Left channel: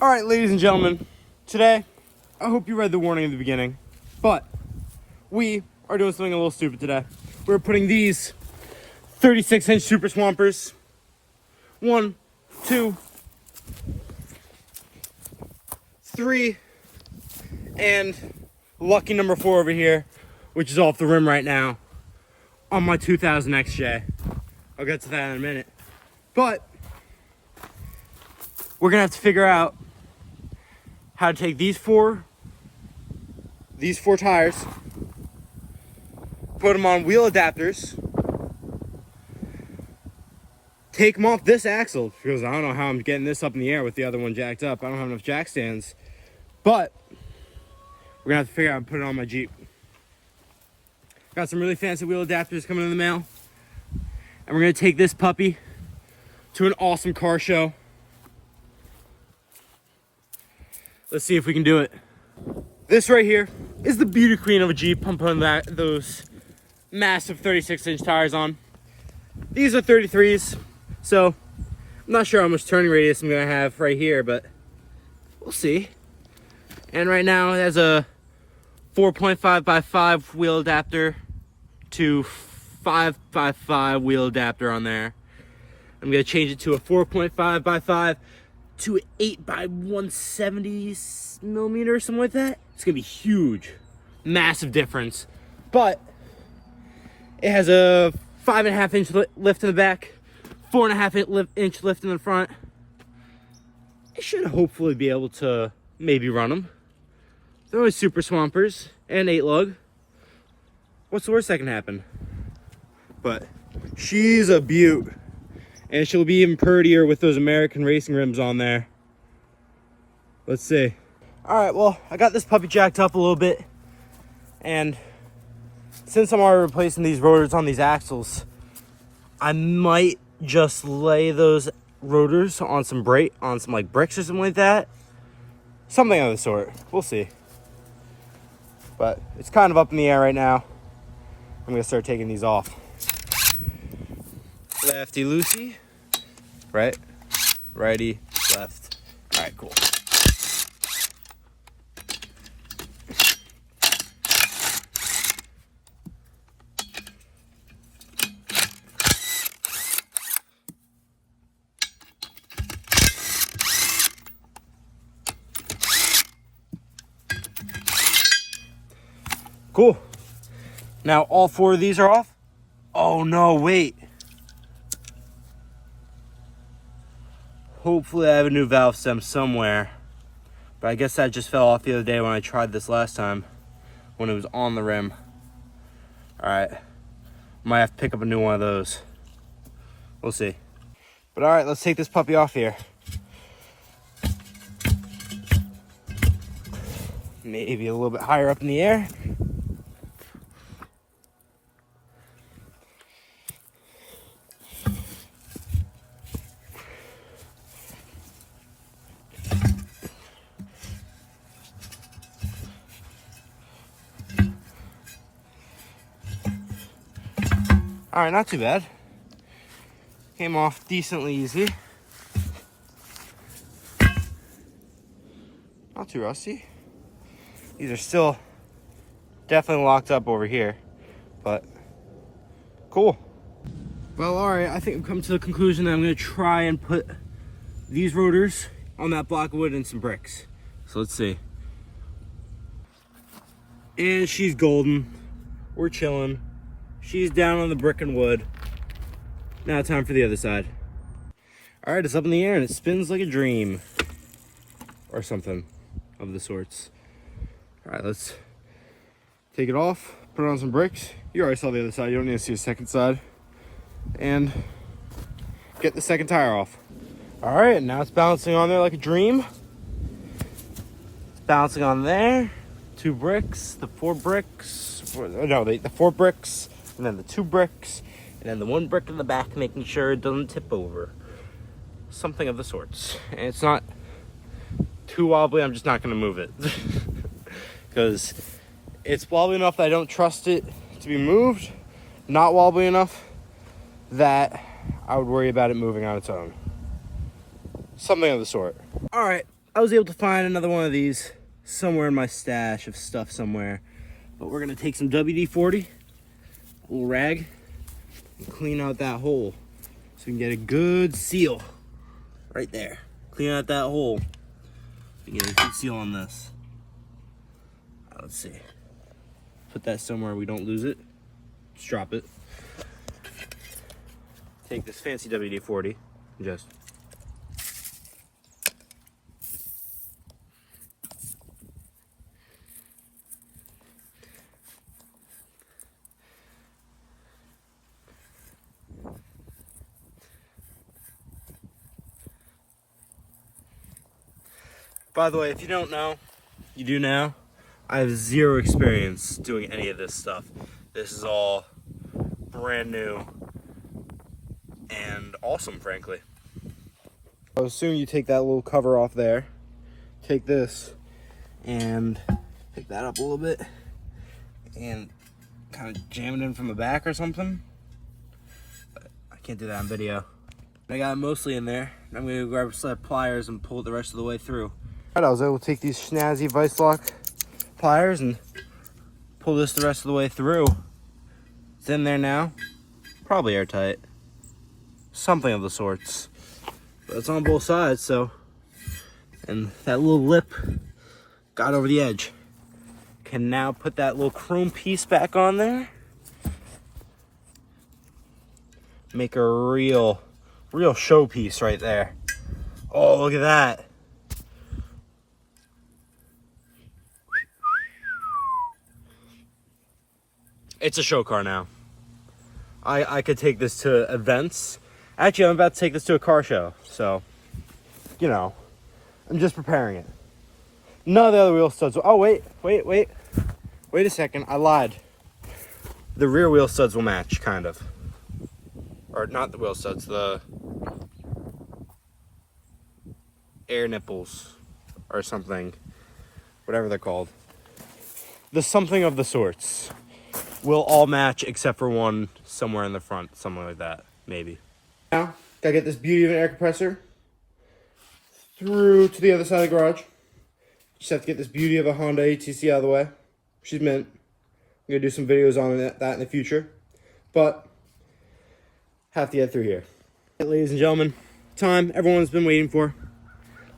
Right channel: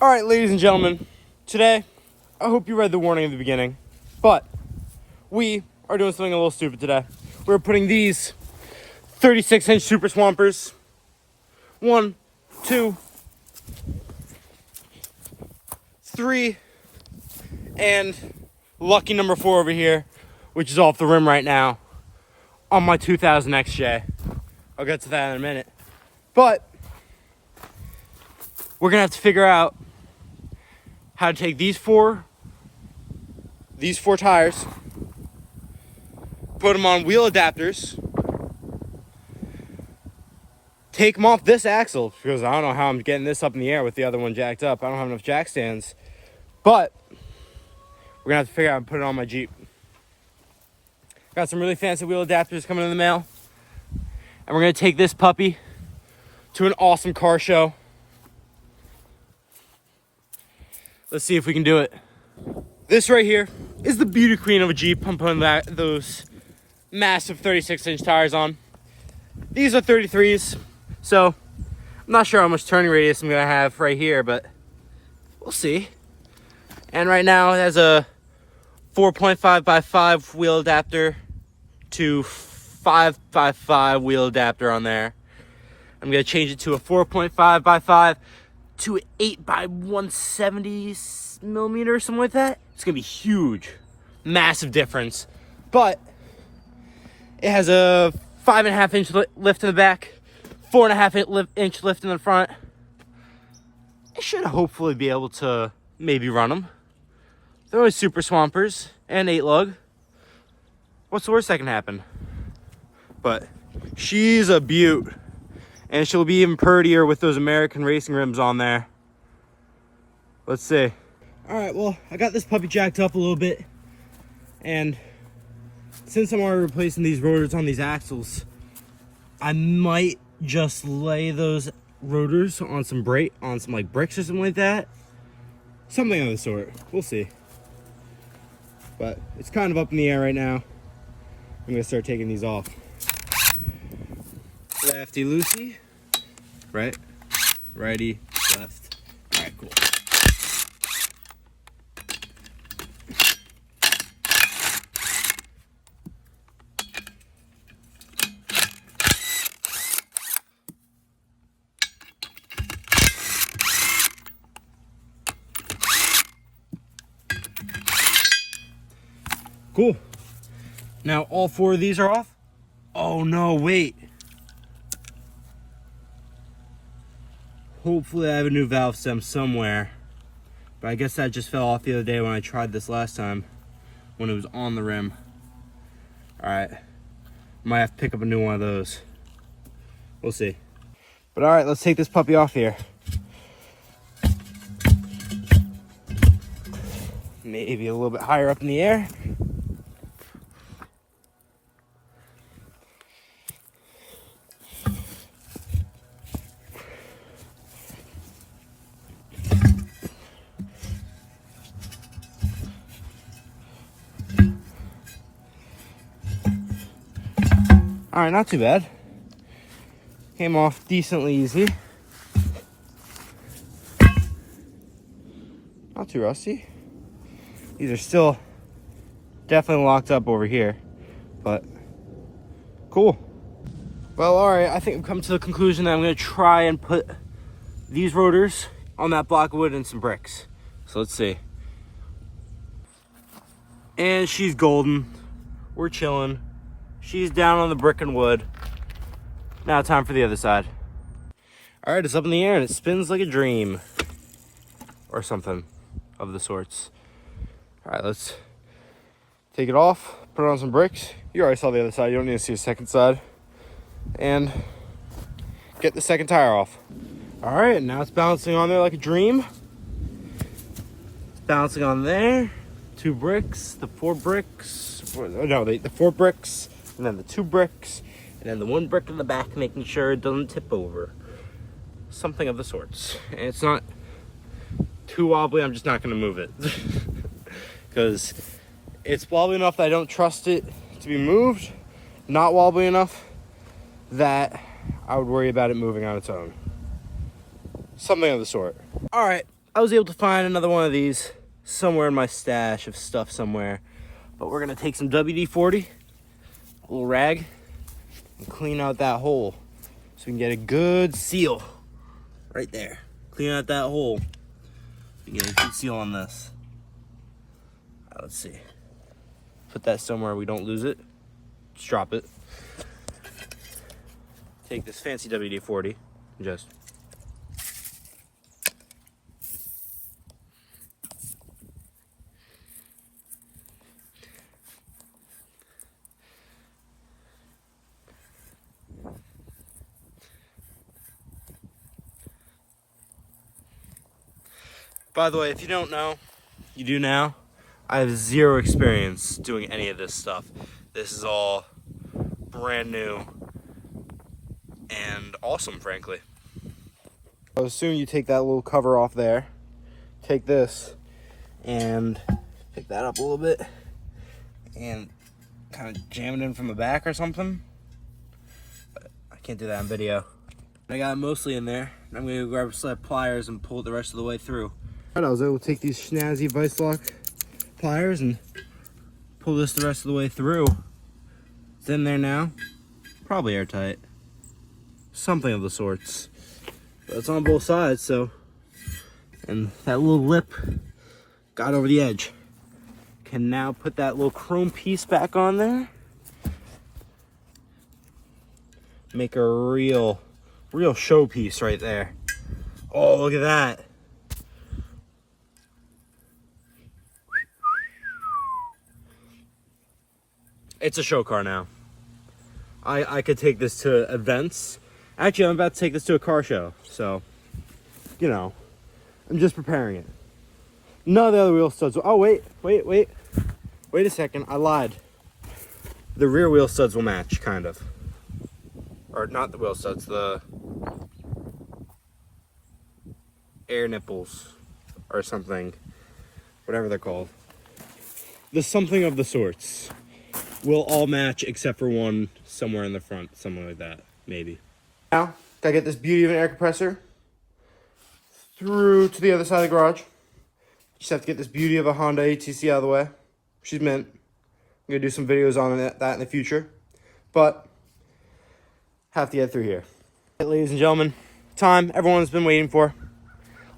All right, ladies and gentlemen, today, I hope you read the warning at the beginning, but we are doing something a little stupid today. We're putting these 36-inch super swampers, 1, 2, 3, and lucky number 4 over here, which is off the rim right now, on my 2000 XJ. I'll get to that in a minute. But we're gonna have to figure out how to take these four tires, put them on wheel adapters, take them off this axle, because I don't know how I'm getting this up in the air with the other one jacked up. I don't have enough jack stands, but we're gonna have to figure out how to put it on my Jeep. Got some really fancy wheel adapters coming in the mail, and we're gonna take this puppy to an awesome car show. Let's see if we can do it. This right here is the beauty queen of a Jeep. I'm putting those massive 36-inch tires on. These are 33s, so I'm not sure how much turning radius I'm gonna have right here, but we'll see. And right now it has a 4.5x5 wheel adapter to 5x5 wheel adapter on there. I'm gonna change it to a 4.5x5 to 8x170 millimeter, something like that. It's gonna be huge, massive difference. But it has a 5.5-inch lift in the back, 4.5-inch lift in the front. It should hopefully be able to maybe run them. They're always super swampers and 8-lug. What's the worst that can happen? But she's a beaut. And she'll be even prettier with those American racing rims on there. Let's see. All right, well, I got this puppy jacked up a little bit. And since I'm already replacing these rotors on these axles, I might just lay those rotors on some bricks or something like that. Something of the sort. We'll see. But it's kind of up in the air right now. I'm gonna start taking these off. Lefty loosey, right, righty, left. All right, cool. Cool. Now all 4 of these are off. Oh no, wait. Hopefully I have a new valve stem somewhere, but I guess that just fell off the other day when I tried this last time, when it was on the rim. All right, might have to pick up a new one of those. We'll see. But all right, let's take this puppy off here. Maybe a little bit higher up in the air. All right, not too bad. Came off decently easy. Not too rusty. These are still definitely locked up over here, but cool. Well, all right, I think I've come to the conclusion that I'm gonna try and put these rotors on that block of wood and some bricks. So let's see. And she's golden. We're chilling. She's down on the brick and wood. Now time for the other side. All right, it's up in the air and it spins like a dream. Or something of the sorts. All right, let's take it off, put it on some bricks. You already saw the other side, you don't need to see the second side. And get the second tire off. All right, now it's balancing on there like a dream. It's balancing on there. 2 bricks, the 4 bricks. The 4 bricks. And then the 2 bricks, and then the 1 brick in the back, making sure it doesn't tip over. Something of the sorts. And it's not too wobbly, I'm just not gonna move it. Because it's wobbly enough that I don't trust it to be moved, not wobbly enough that I would worry about it moving on its own. Something of the sort. All right, I was able to find another one of these somewhere in my stash of stuff somewhere. But we're gonna take some WD-40, a little rag, and clean out that hole so we can get a good seal right there. Clean out that hole and get a good seal on this. Let's see. Put that somewhere we don't lose it. Just drop it. Take this fancy WD-40 and just by the way, if you don't know, you do now. I have zero experience doing any of this stuff. This is all brand new and awesome, frankly. So as soon as you take that little cover off there, take this and pick that up a little bit and kind of jam it in from the back or something. But I can't do that on video. I got it mostly in there. I'm gonna grab a set of pliers and pull it the rest of the way through. I was able to take these snazzy vice lock pliers and pull this the rest of the way through. It's in there now, probably airtight, something of the sorts. But it's on both sides, so, and that little lip got over the edge. Can now put that little chrome piece back on there. Make a real showpiece right there. Oh, look at that. It's a show car now. I could take this to events. Actually, I'm about to take this to a car show. So, you know, I'm just preparing it. None of the other wheel studs. Oh, wait a second. I lied. The rear wheel studs will match, kind of. Or not the wheel studs, the air nipples or something. Whatever they're called. The something of the sorts will all match except for one somewhere in the front, something like that, maybe. Now, gotta get this beauty of an air compressor through to the other side of the garage. Just have to get this beauty of a Honda ATC out of the way. She's mint. I'm gonna do some videos on that in the future, but have to get through here. Ladies and gentlemen, time everyone's been waiting for. A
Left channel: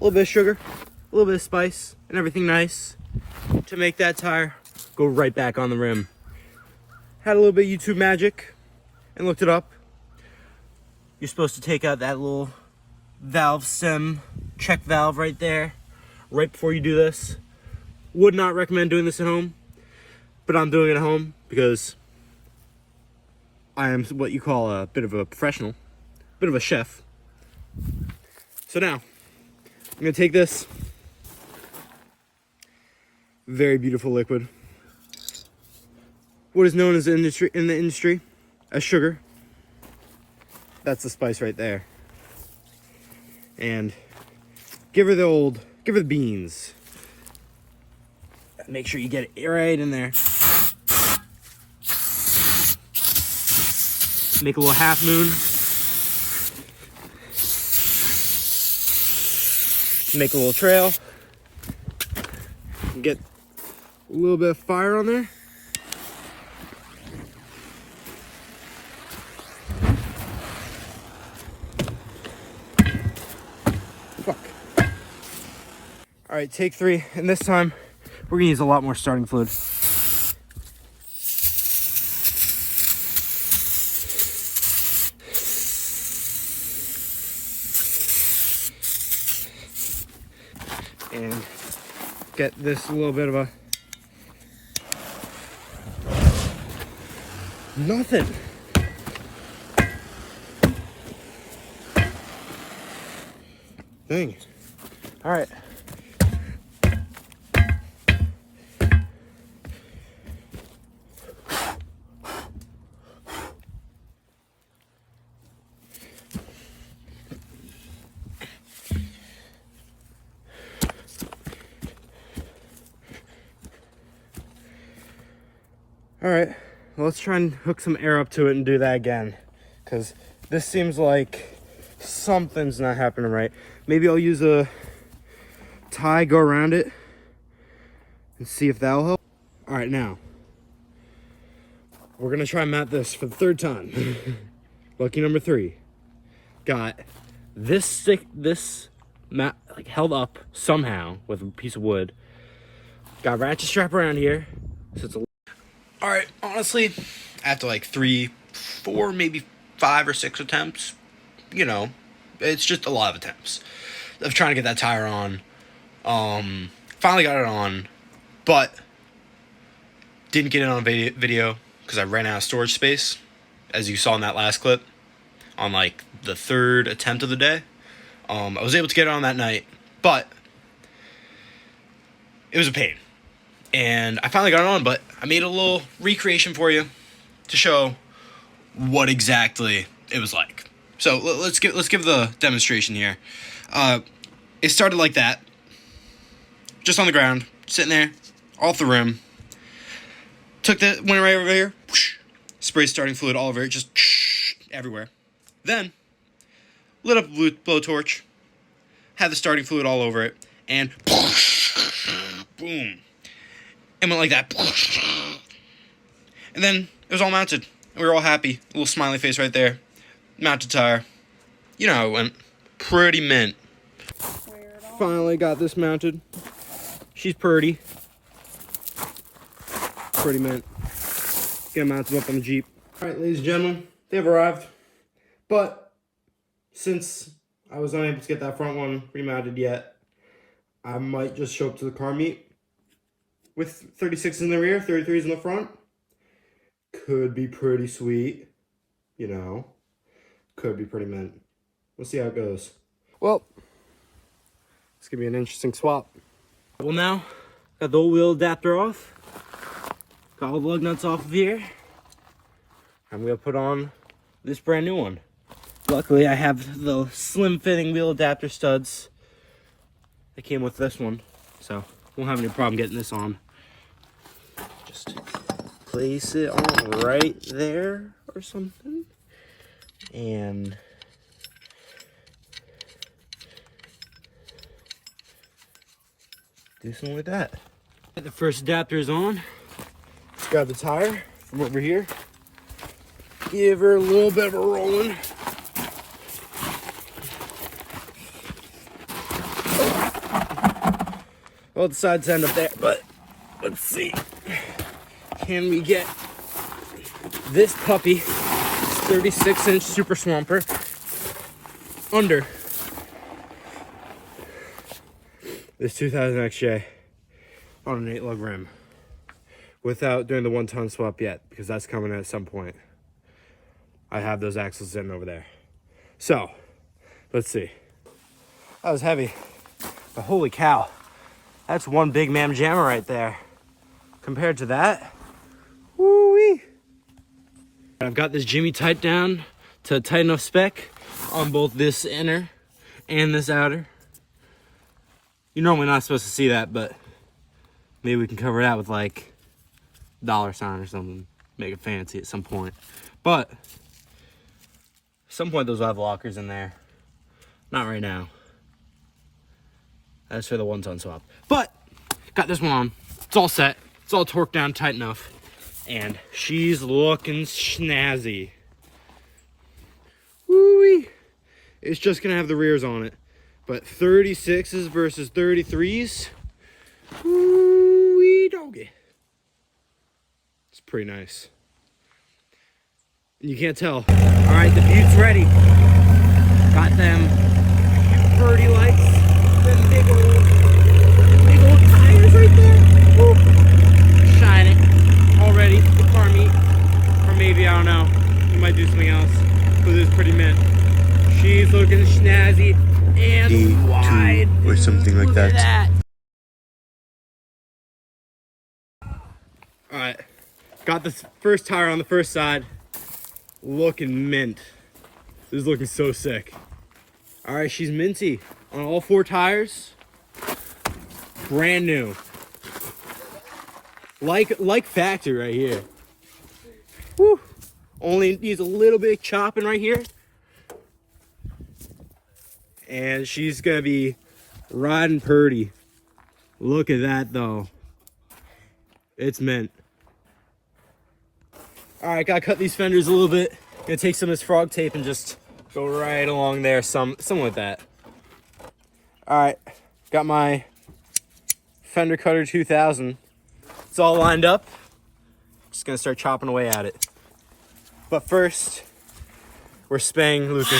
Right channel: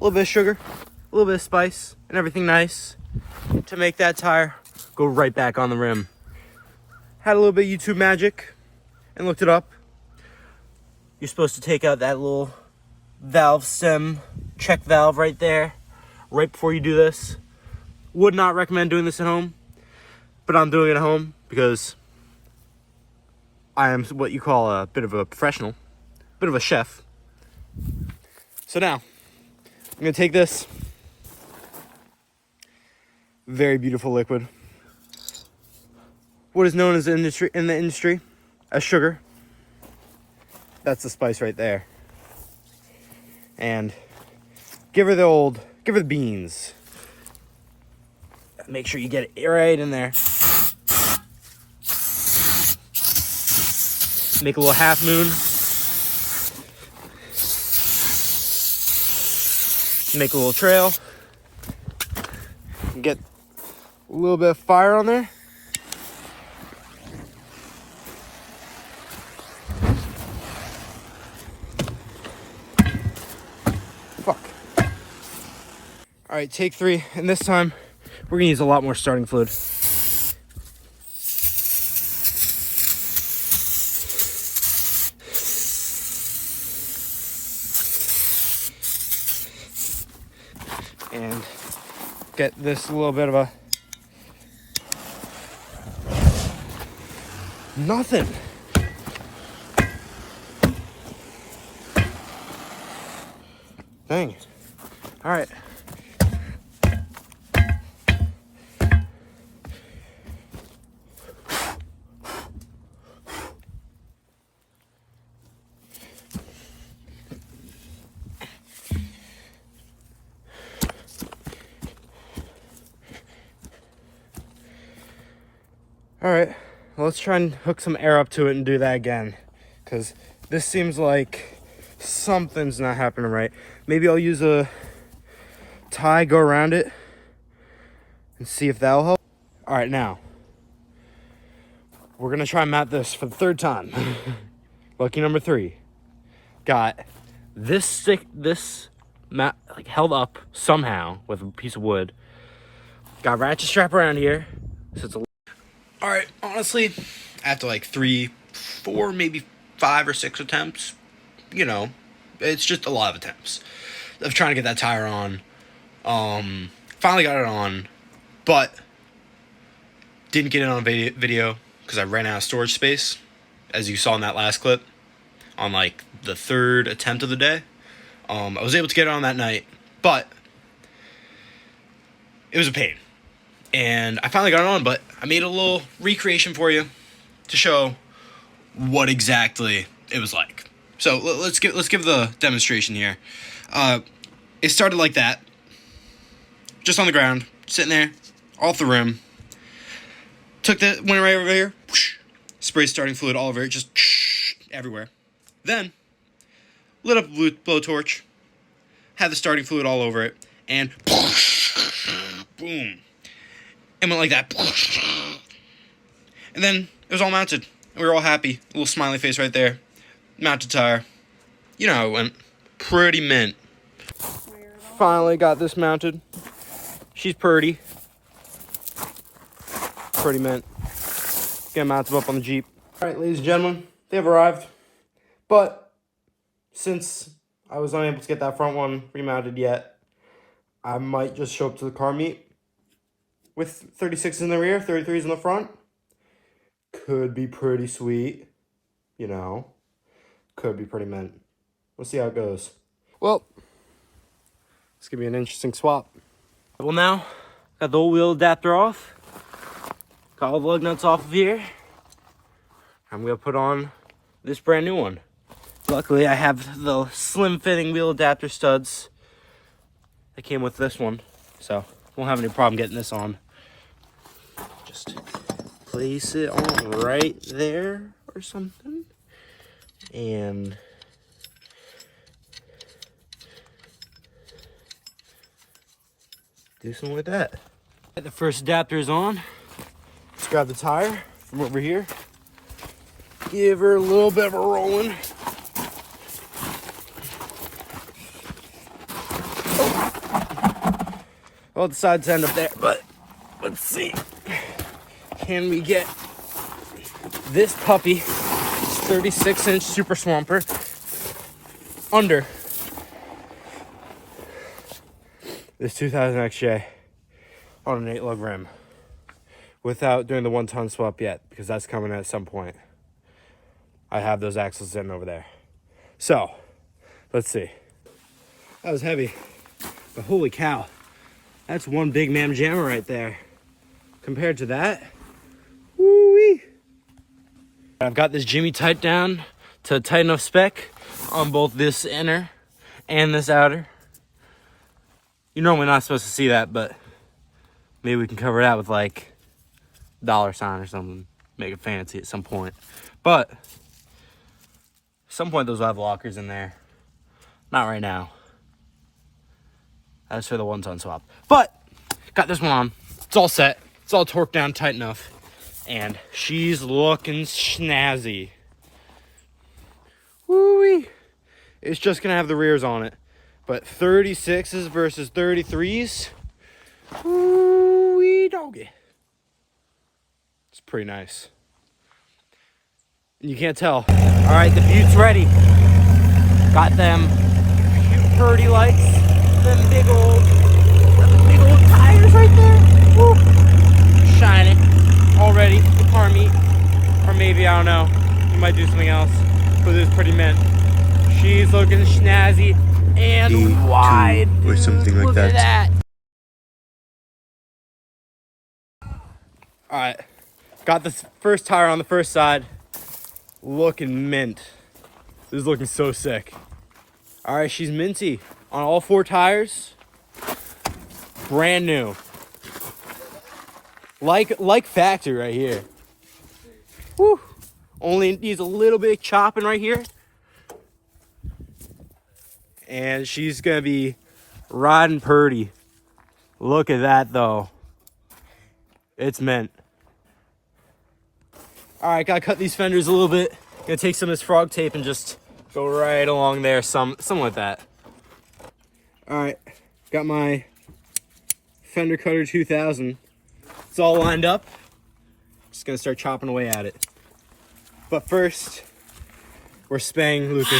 little bit of sugar, a little bit of spice, and everything nice to make that tire go right back on the rim. Had a little bit of YouTube magic and looked it up. You're supposed to take out that little valve stem check valve right there, right before you do this. Would not recommend doing this at home, but I'm doing it at home because I am what you call a bit of a professional, bit of a chef. So now, I'm gonna take this very beautiful liquid, what is known as in the industry as sugar. That's the spice right there. And give her the beans. Make sure you get it right in there. Make a little half moon. Make a little trail. Get a little bit of fire on there. Fuck. All right, take 3, and this time we're gonna use a lot more starting fluid. And get this a little bit of a nothing. Dang. All right. All right, well, let's try and hook some air up to it and do that again, because this seems like something's not happening right. Maybe I'll use a tie go around it and see if that'll help. All right, now we're gonna try and mount this for the third time. Lucky number 3. Got this stick, this mat like held up somehow with a piece of wood. Got a ratchet strap around here, so it's a. All right, honestly, after like 3, 4, maybe 5 or 6 attempts, you know, it's just a lot of attempts of trying to get that tire on. Finally got it on, but didn't get it on video because I ran out of storage space, as you saw in that last clip, on like the 3rd attempt of the day. I was able to get it on that night, but it was a pain. And I finally got it on, but I made a little recreation for you to show what exactly it was like. So let's give the demonstration here. It started like that, just on the ground, sitting there, off the rim. Went right over here, whoosh, sprayed starting fluid all over it, just everywhere. Then lit up a blowtorch, had the starting fluid all over it, and boom. And went like that. And then it was all mounted. We were all happy. A little smiley face right there. Mounted tire. You know how it went. Pretty mint. Finally got this mounted. She's pretty. Pretty mint. Gonna mount them up on the Jeep. Alright, ladies and gentlemen, they have arrived. But since I was unable to get that front one remounted yet, I might just show up to the car meet with 36s in the rear, 33s in the front. Could be pretty sweet, you know. Could be pretty mint. We'll see how it goes. Well, it's gonna be an interesting swap. Well, now got the old wheel adapter off. Got all the lug nuts off of here. I'm gonna put on this brand new one. Luckily, I have the slim fitting wheel adapter studs that came with this one, so won't have any problem getting this on. Just place it on right there or something, and do something like that. The first adapter is on. Let's grab the tire from over here. Give her a little bit of a rolling. Well, the sides end up there, but let's see. Can we get this puppy, 36-inch Super Swamper, under this 2000 XJ on an 8-lug rim without doing the 1-ton swap yet, because that's coming at some point. I have those axles sitting over there. So, let's see. That was heavy, but holy cow. That's one big mam jammer right there. Compared to that, woo-wee. I've got this Jimmy tight down to tight enough spec on both this inner and this outer. You're normally not supposed to see that, but maybe we can cover that with like $sign or something. Make it fancy at some point. But at some point those will have lockers in there. Not right now. That's for the 1-ton swap. But got this one on. It's all set. It's all torqued down tight enough. And she's looking snazzy. Woo-wee. It's just gonna have the rears on it. But 36s versus 33s. Woo-wee doggy. It's pretty nice. And you can't tell. Alright, the Butte's ready. Got them 30 lights. Big old tires right there. Woo. Shining already. The car meet. Or maybe, I don't know. We might do something else. But this is pretty mint. She's looking snazzy and wide. Or something like that. that. At that. Alright. Got the first tire on the first side. Looking mint. This is looking so sick. Alright, she's minty on all 4 tires. Brand new. Like factory right here. Woo. Only needs a little bit of chopping right here. And she's gonna be riding purdy. Look at that though. It's mint. All right, gotta cut these fenders a little bit. Gonna take some of this frog tape and just go right along there, something like that. All right, got my Fender Cutter 2000. It's all lined up. Just gonna start chopping away at it. But first, we're spaying Lucas.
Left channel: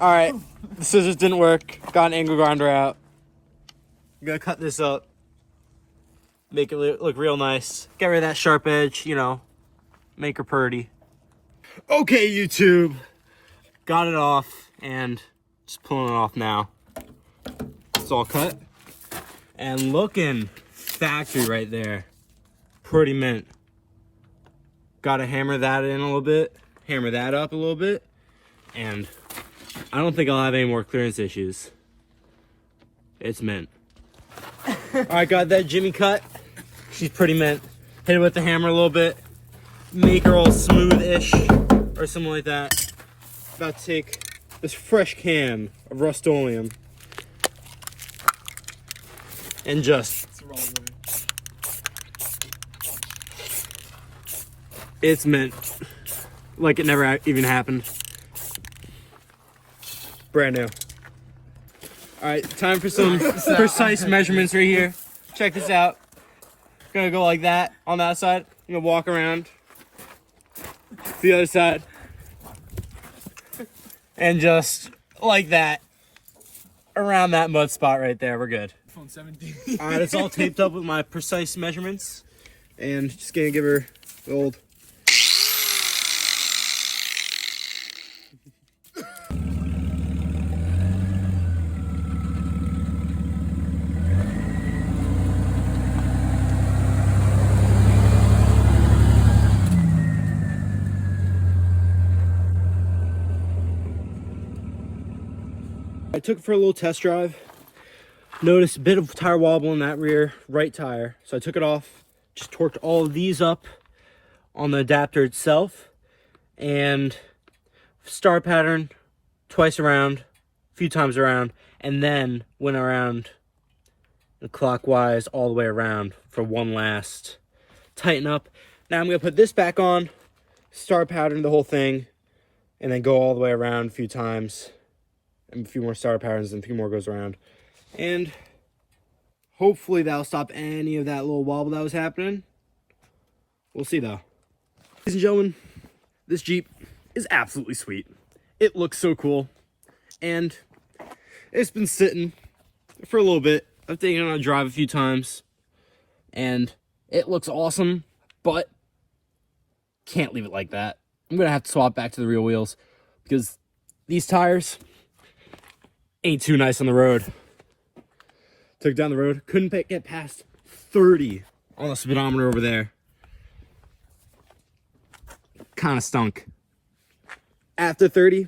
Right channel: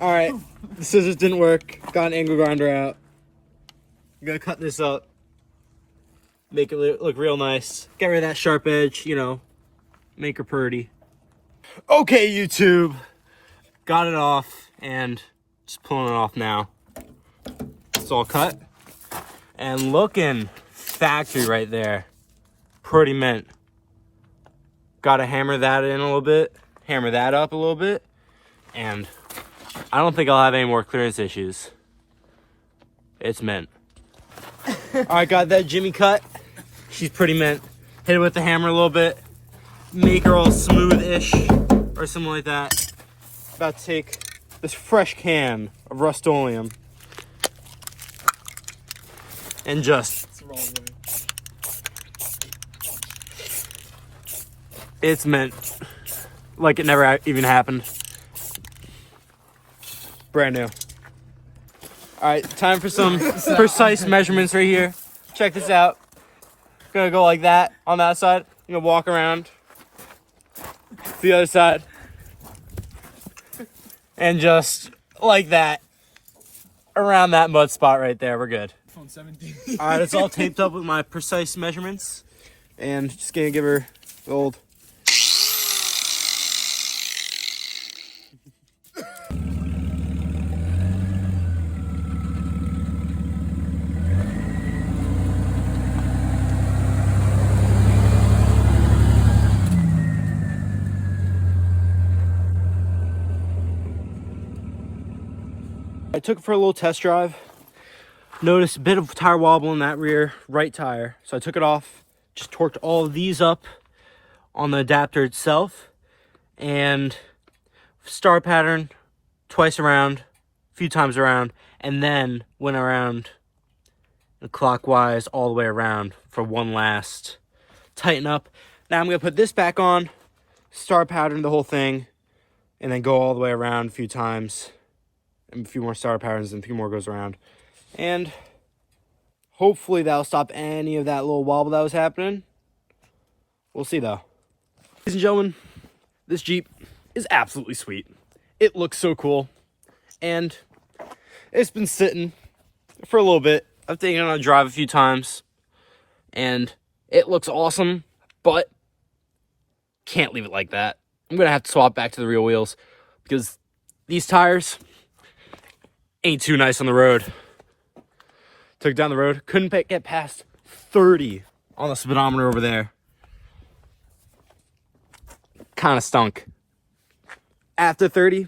All right, the scissors didn't work. Got an angle grinder out. I'm gonna cut this up. Make it look real nice. Get rid of that sharp edge, you know, make her purty. Okay, YouTube. Got it off and just pulling it off now. It's all cut. And looking factory right there. Pretty mint. Gotta hammer that in a little bit. Hammer that up a little bit. And I don't think I'll have any more clearance issues. It's mint. Alright, got that Jimmy cut. She's pretty mint. Hit it with the hammer a little bit. Make her all smooth-ish. Or something like that. About to take this fresh can of Rust-Oleum. And just... It's mint. Like it never even happened. Brand new. Alright, time for some precise measurements right here. Check this out. Gonna go like that on that side. You know, walk around the other side. And just like that. Around that mud spot right there. We're good. Alright, it's all taped up with my precise measurements. And just gonna give her the old... I took it for a little test drive. Noticed a bit of tire wobble in that rear right tire. So I took it off, just torqued all of these up on the adapter itself, and star pattern twice around, a few times around, and then went around clockwise all the way around for one last tighten up. Now I'm gonna put this back on, star pattern the whole thing, and then go all the way around a few times. And a few more star patterns and a few more goes around. And hopefully that'll stop any of that little wobble that was happening. We'll see though. Ladies and gentlemen, this Jeep is absolutely sweet. It looks so cool. And it's been sitting for a little bit. I've taken it on a drive a few times. And it looks awesome, but can't leave it like that. I'm gonna have to swap back to the real wheels because these tires ain't too nice on the road. Took it down the road, couldn't get past 30 on the speedometer over there. Kind of stunk. After 30, a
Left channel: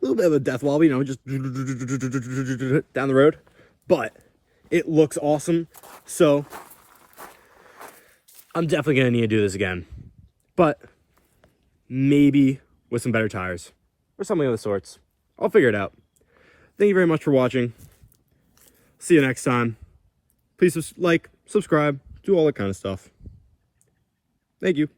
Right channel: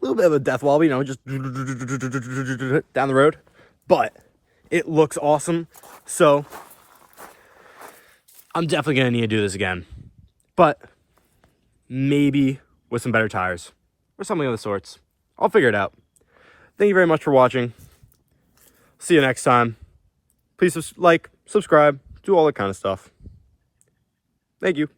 little bit of a death wobble, you know, just down the road. But it looks awesome, so I'm definitely gonna need to do this again. But maybe with some better tires or something of the sorts. I'll figure it out. Thank you very much for watching. See you next time. Please like, subscribe, do all that kind of stuff. Thank you.